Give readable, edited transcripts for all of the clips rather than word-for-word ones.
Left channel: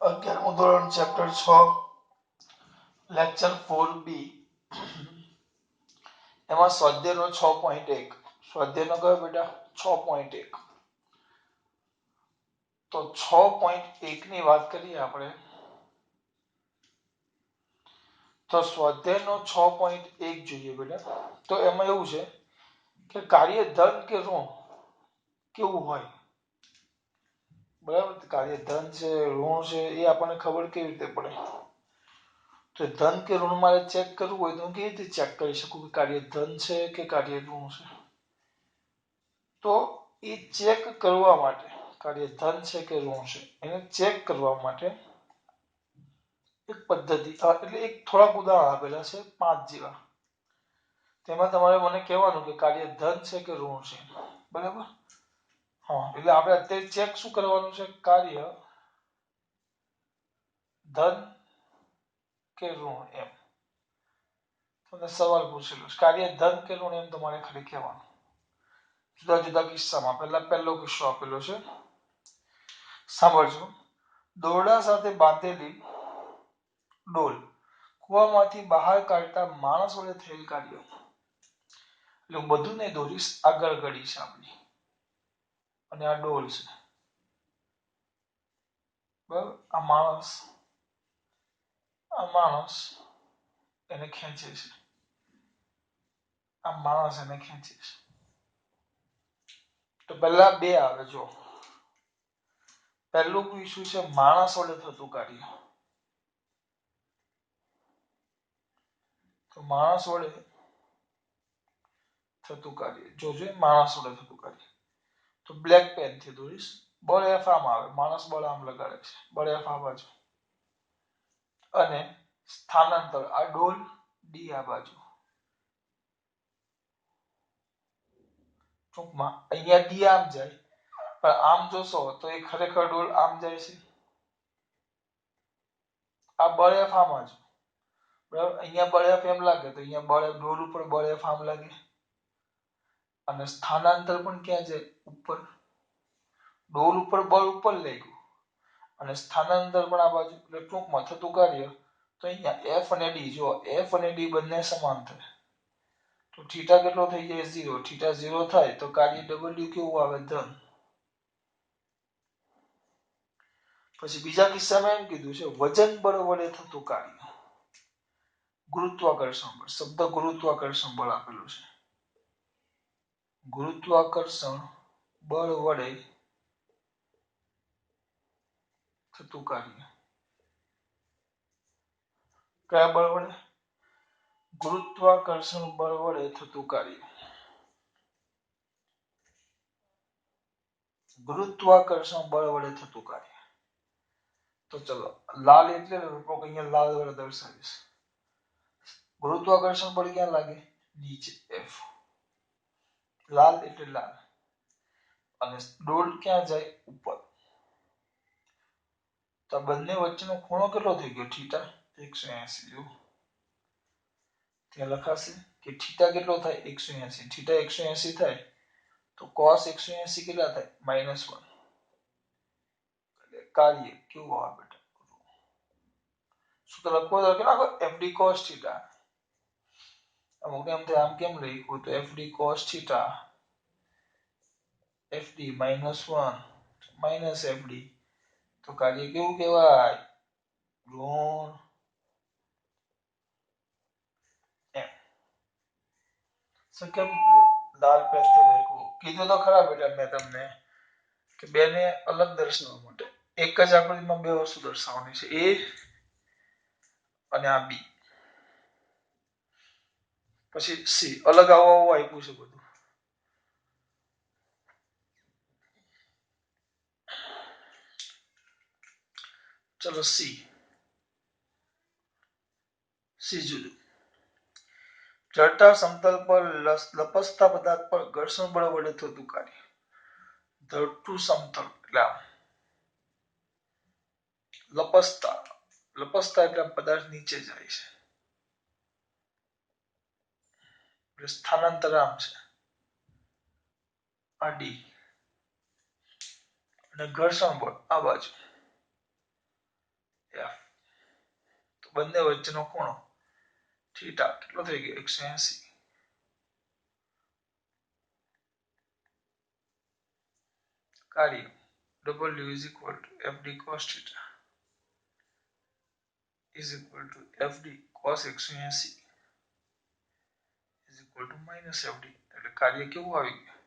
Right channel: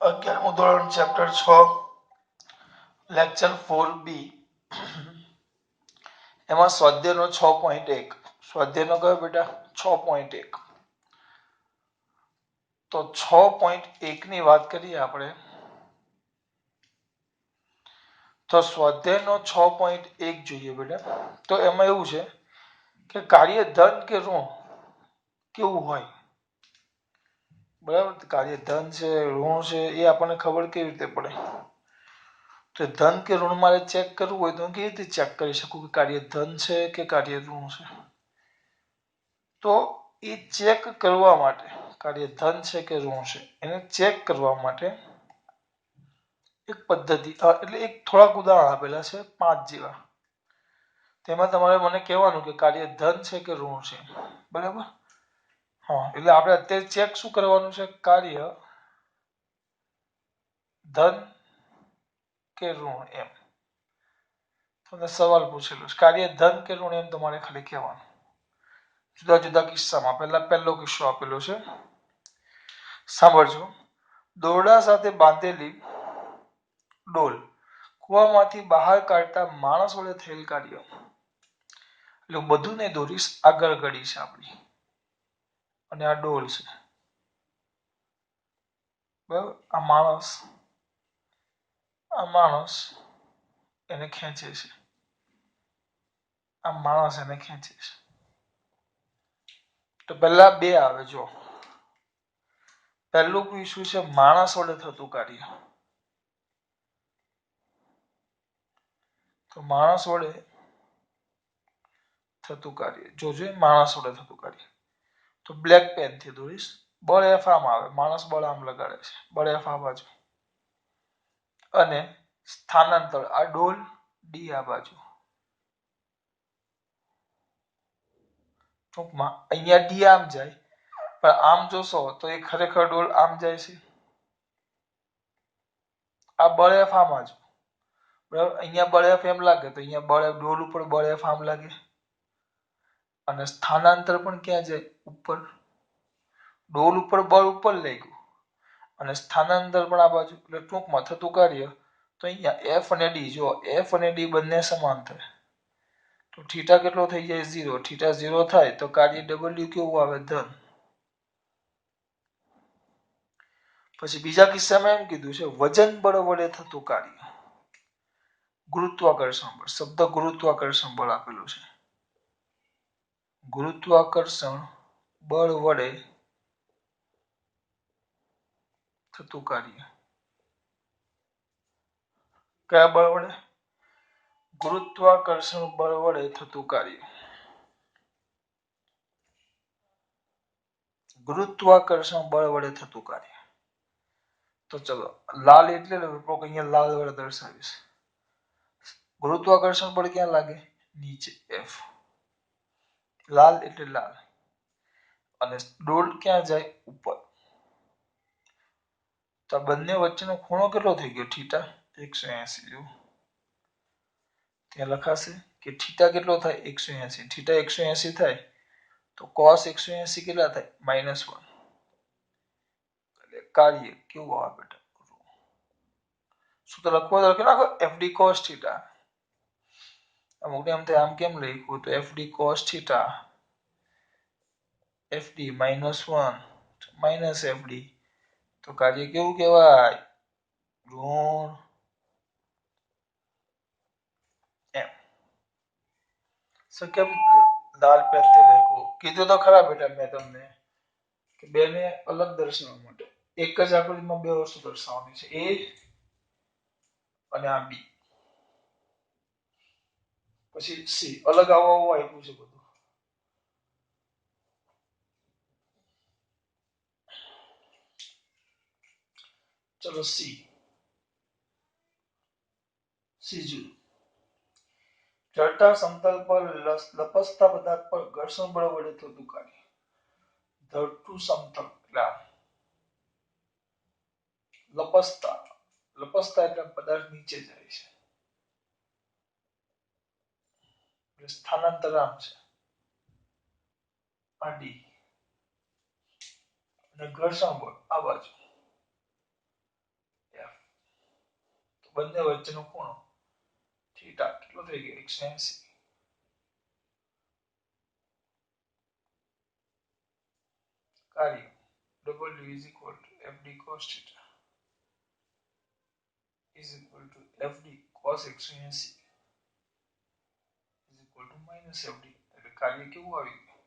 11મું ધોરણ chapter 6 lecture 4B એમાં સ્વાધ્યાયનો 6.1 સ્વાધ્યાયનો કયો બેટા 6.1 તો 6.1 ની વાત કરીએ આપણે તો સ્વાધ્યાયનો 6.1 જોઈએ બેટા તો એમાં એવું છે કે કાર્ય ધન કે ઋણ કેવું હોય બરાબર કાર્ય ધન છે ઋણ છે એ આપણને ખબર કેવી રીતે પડે તો ધન કે ઋણ મારે ચેક કરવું હોય તો હું કેવી રીતે ચેક કરી શકું કે કાર્ય ધન છે કે કાર્ય ઋણ છે તો એ ચેક કરવા માટે કાર્ય ધન છે કે ઋણ છે એને ચેક કરવા માટે એક પદ્ધતિ એટલે એક થોડાક ઉદાહરણ આપેલા છે 5 જેવા તેમાં તમારે મને કહેવાનું કે કાર્ય ધન છે કે ઋણ છે બરાબર હા એટલે આપણે અત્યારે ચેક શું કરવાનું છે કાર્ય ધન કે ઋણ એમ તમને સવાલ પૂછેલો છે કાર્ય ધન કે ઋણ એમ તમારે ખાલી કહેવાનું જુદા જુદા કિસ્સામાં પહેલો કિસ્સો આપેલો છે સાંભળજો દોરડા સાથે બાંધેલી ડોલ કૂવામાંથી બહાર કાઢતા માણસ વડે થયેલ કાર્ય એટલે બધું ને દોરીશ આગળ ઘડી છે આપણી અને આ ડોલ છે બરાબર આ માણસ એને ખેંચે છે આ માણસ એને ખેંચે છે તો પહેલા બે આવે જો પહેલું પૂછ્યું છે માણસ વડે થતું કાર્ય તો માણસ વડે થતું કાર્ય જોજો માણસ વડે થતું કાર્ય તો બ્લેક પેન થી દોરીશ બળ એફ આમ આવે માણસ બળ આમ લગાડે છે બળ એફ આ બાજુ અને સ્થાનાંતર આ ડોલ ડી આ બાજુ ટૂંકમાં અહીંયા ડી આમ જાય પણ આમ જોશો તો એ ખરેખર ડોલ આમ જાય છે આ બળ એફ આમ જ બરાબર અહીંયા બળ એફ એમ લાગે તો અહીંયા બળ ડોલ ઉપર બળ એફ આમ લાગે અને સ્થાનાંતર પણ ક્યાં જાય ઉપર ડોલ ઉપર બળ ઉપર લાગ્યું અને સ્થાનાંતર પણ આ બાજુ એટલે ટૂંકમાં થતું કાર્ય તો અહીંયા એફ અને ડી જો એફ અને ડી બંને સમાન થાય તો થીટા કેટલો થઈ જાય 0 થીટા 0 થાય તો કાર્ય ડબલ્યુ કેવું આવે ધન પછી બીજા કિસ્સામાં એમ કીધું છે વજન બળ વડે થતું કાર્ય ગુરુત્વાકર્ષણ બળ શબ્દ ગુરુત્વાકર્ષણ બળ આપેલું છે ગુરુત્વાકર્ષણ બળ વડે થતું કાર્ય કયા બળ વડે ગુરુત્વાકર્ષણ બળ વડે થતું કાર્ય ગુરુત્વાકર્ષણ બળ વડે થતું કાર્ય તો ચલો લાલ એટલે અહીંયા લાલ વડે દર્શાવીશ ગુરુત્વાકર્ષણ બળ ક્યાં લાગે નીચે એફ લાલ એટલે લાલ અને ડોલ ક્યાં જાય ઉપર તો આ બંને વચ્ચેનો ખૂણો કેટલો થઈ ગયો થીટા 180 જો ત્યાં લખાશે કે થીટા કેટલો થાય 180 થીટા 180 થાય તો cos 180 કેટલા થાય -1 એટલે કાર્ય કેવું આવે બેટા સૂત્ર લખવો તો લખી નાખો fd cos થીટા અમુક એમ થાય આમ કેમ લખ્યું તો fd cos theta fd -1 fd તો કાર્ય કેવું કહેવાય ઋણ એમ કેમ લાલ પેનથી લખ્યું કીધું તો ખરા બેટા મેં તમને કે બેને અલગ દર્શાવવા માટે એક જ આકૃતિમાં બે વસ્તુ દર્શાવવાની છે એ અને આ બી પછી સી અલગ આવું આપ્યું છે બધું ચલો સી જુદું ચડતા સમતલ પર લપસતા પદાર્થ પર ઘર્ષણ બળ વડે થતું કાર્ય ધરતું સમતલ એટલે લપસતા એટલે પદાર્થ નીચે જાય છે સ્થાનાંતર આમ છે આ ડી અને ઘર્ષણ બળ આ બાજુ બંને વચ્ચેનો ખૂણો થીટા કેટલો થઈ ગયો 180. કાર્ય W is equal to FD cos theta is equal to FD cos 180 is equal to minus FD. એટલે કાર્ય કેવું આવી ગયું?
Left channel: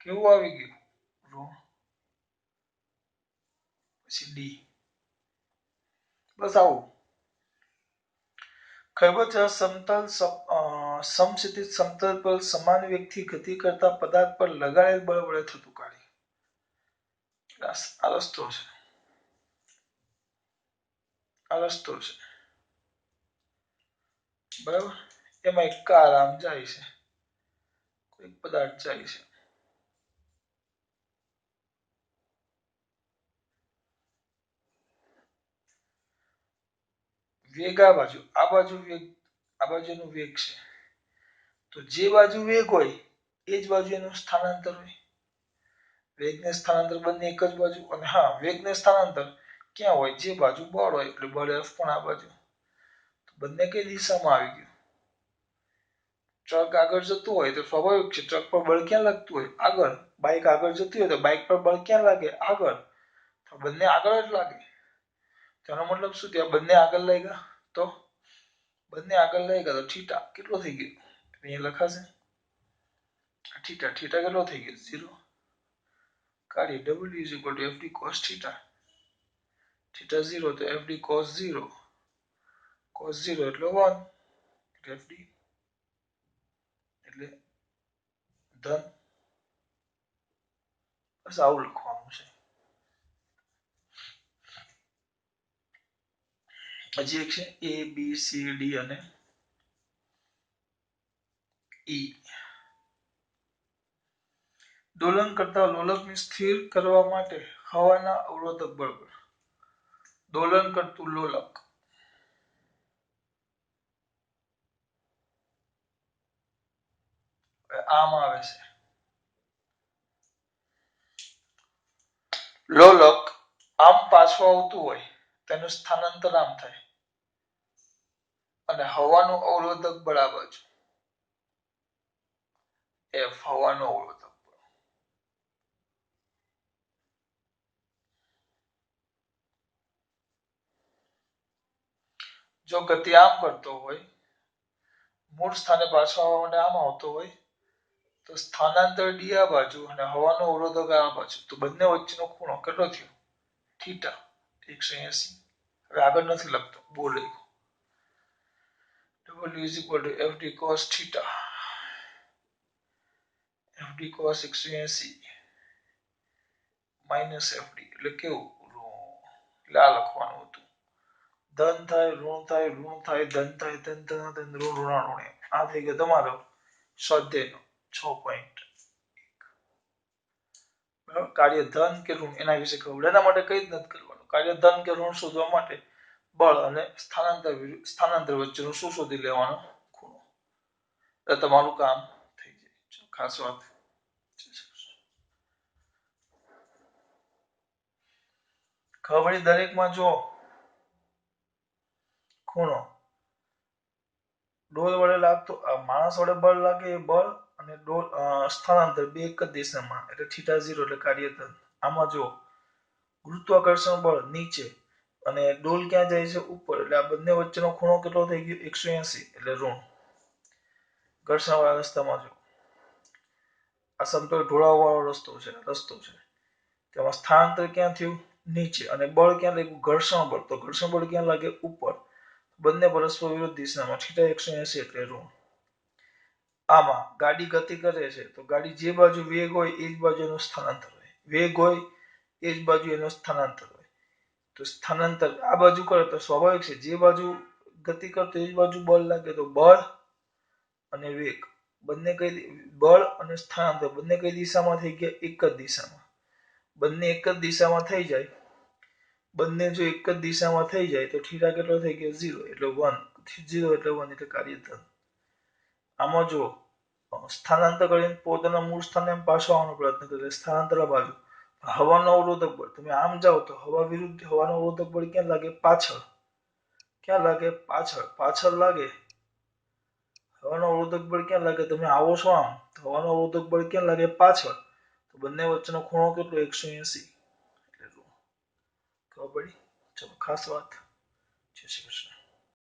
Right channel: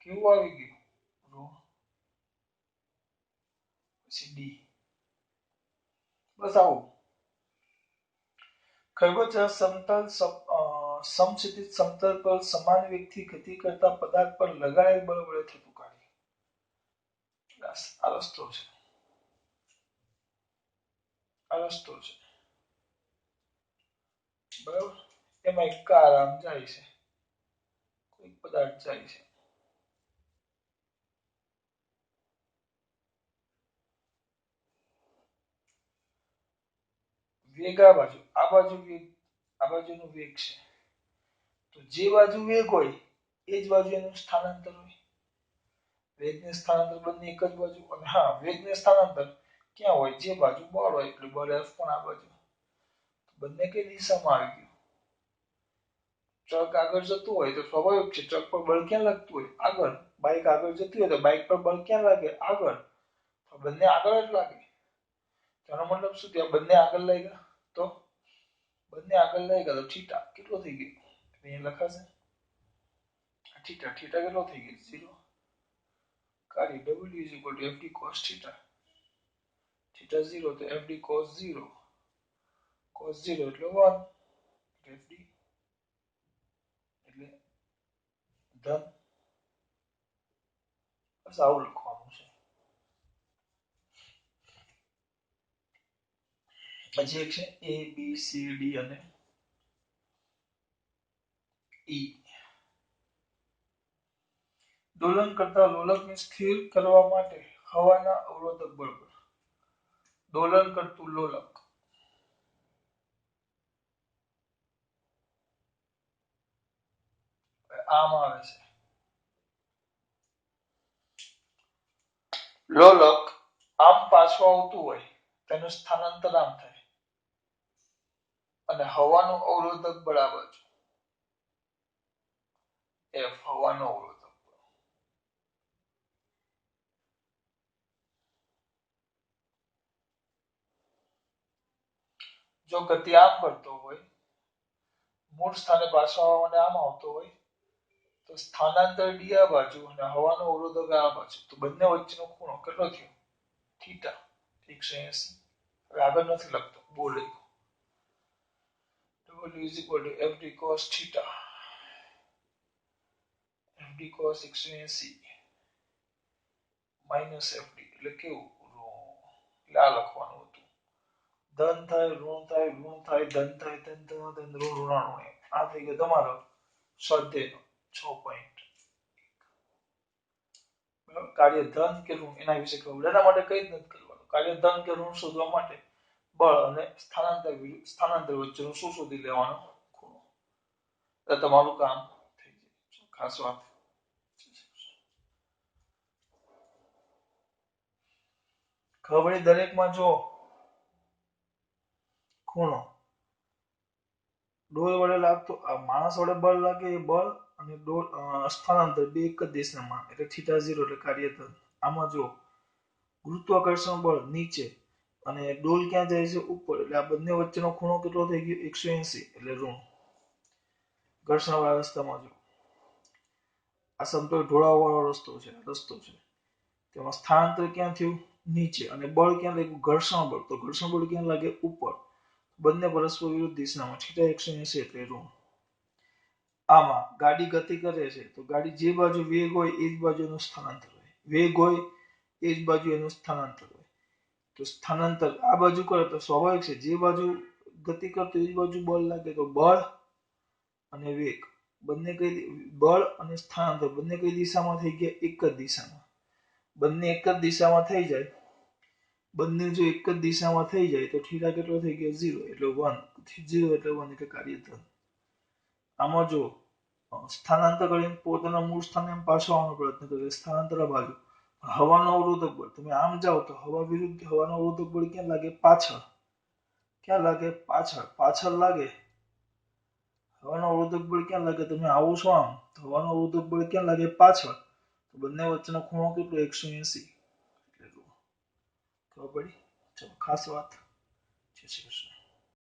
કેવું આવી ગયું? ઋણ પછી ડી. બસ આવું. ખરબચડા સમતલ સમક્ષિતિજ સમતલ પર સમાન વેગથી ગતિ કરતા પદાર્થ પર લગાડેલ બળ વડે થતું કાર્ય. આ રસ્તો છે. આ રસ્તો છે. બરાબર. એમાં એક કાર આમ જાય છે, કોઈક પદાર્થ જાય છે. વેગ આ બાજુ વેગ, આ બાજુનો વેગ છે. તો જે બાજુ વેગ હોય એ જ બાજુ એનું સ્થાનાંતર હોય. વેગને સ્થાનાંતર બંને એક જ બાજુ. અને હા, વેગને સ્થાનાંતર ક્યાં હોય? જે બાજુ બળ હોય. એટલે બળ F પણ આ બાજુ. બંને કઈ દિશામાં આવી ગયું? ટ્રક આગળ જતું હોય તો સ્વાભાવિક છે ટ્રક પર બળ ક્યાં લાગતું હોય? આગળ. બાઇક આગળ જતી હોય તો બાઇક પર બળ ક્યાં લાગે? આગળ. તો બંને આગળ જ લાગે. તેનો મતલબ શું થયો? બંને આગળ લાગ્યા તો બંને આગળ લાગ્યા તો થીટા કેટલો થઈ ગયો? અહીંયા લખાશે થીટા. થીટા કેટલો થઈ ગયો? 0. કાર્ય W is equal to FD cos theta. Theta 0 તો FD cos 0. cos 0 એટલે 1. FD એટલે ધન. બસ આવું લખવાનું છે. હજી એક છે A B C D અને E. દોલન કરતા લોલકને સ્થિર કરવા માટે હવાના અવરોધક બળ. દોલન કરતું લોલક આમ આવે છે. લોલક આમ પાછું આવતું હોય તેનું સ્થાનાંતર આમ થાય અને હવાનું અવરોધક બળ આ બાજુ F હવાનું અવરોધક. જો ગતિ આમ કરતો હોય, મૂળ સ્થાને પાછો આવવા માટે આમ આવતો હોય તો સ્થાનાંતર ડી આ બાજુ અને હવાનો અવરોધક આ બાજુ. તો બંને વચ્ચેનો ખૂણો કેટલો થયો? થીટા 180. હવે આગળ નથી લખતો, બોલ W is equal to FD cos theta. FD cos 180 minus FD એટલે કેવું? એટલે આ લખવાનું હતું. ધન થાય, ઋણ થાય, ઋણ થાય, ધન થાય, ધન ધન ધન, ઋણ ઋણ. આ થઈ ગયો તમારો સ્વાધ્યાયનો 6.1. કાર્ય ધન કે ઋણ એના વિશે ખબર. એના માટે કઈ જ નથી કરવાનું. કાર્ય ધન કે ઋણ શોધવા માટે બળ અને સ્થાનાંતર વચ્ચેનું શું શોધી લેવાનું? ખૂણો. એટલે તમારું કામ થઈ જાય. ખાસ વાત. ખબર દરેકમાં જો ખૂણો ડોલ વડે લાગતો, માણસ વડે બળ લાગે એ બળ અને ડોલ સ્થાનાંતર બે એક જ દિશામાં એટલે થીટા 0 એટલે કાર્ય ધન. આમાં જો ગુરુત્વાકર્ષણ બળ નીચે અને ડોલ ક્યાં જાય છે? ઉપર. એટલે આ બંને વચ્ચેનો ખૂણો કેટલો થઈ ગયો? 180 એટલે ઋણ. ઘર્ષણ વાળા રસ્તામાં જો આ સમતલ ઢોળાવ વાળો રસ્તો છે. તેમાં સ્થાનાંતર ક્યાં થયું? નીચે. અને બળ ક્યાં લાગ્યું? ઘર્ષણ બળ. તો ઘર્ષણ બળ ક્યાં લાગે? ઉપર. બંને પરસ્પર વિરુદ્ધ દિશામાં થીટા 180 એટલે ઋણ. આમાં ગાડી ગતિ કરે છે તો ગાડી જે બાજુ વેગ હોય એ જ બાજુ એનું સ્થાનાંતર હોય. વેગ હોય એ જ બાજુ એનું સ્થાનાંતર હોય. તો સ્થાનાંતર આ બાજુ કરે તો સ્વાભાવિક છે જે બાજુ ગતિ કરતો એ જ બાજુ બળ લાગે. તો બળ અને વેગ બંને કઈ, બળ અને સ્થાનાંતર બંને કઈ દિશામાં થઈ ગયા? એક જ દિશામાં. બંને એક જ દિશામાં થઈ જાય, બંને જો એક જ દિશામાં થઈ જાય તો થીટા કેટલો થઈ ગયો? 0 એટલે 1. 0 એટલે 1 એટલે કાર્ય ધન. આમાં જો સ્થાનાંતર કરીને પોતાના મૂળ સ્થાને પાછો આવવાનો પ્રયત્ન કરે, સ્થાનાંતર બાજુ હવાનો અવરોધક બળ. તમે આમ જાઓ તો હવા વિરુદ્ધ હવાનો અવરોધક બળ ક્યાં લાગે? પાછળ. ક્યાં લાગે? પાછળ. પાછળ લાગે. હવાનો અવરોધક બળ ક્યાં લાગે? તમે આવો છો આમ તો હવાનો અવરોધક બળ ક્યાં લાગે? પાછળ. તો બંને વચ્ચેનો ખૂણો કેટલો? 180. એટલે ખબર પડી? ચલો ખાસ વાત. જય શ્રી કૃષ્ણ.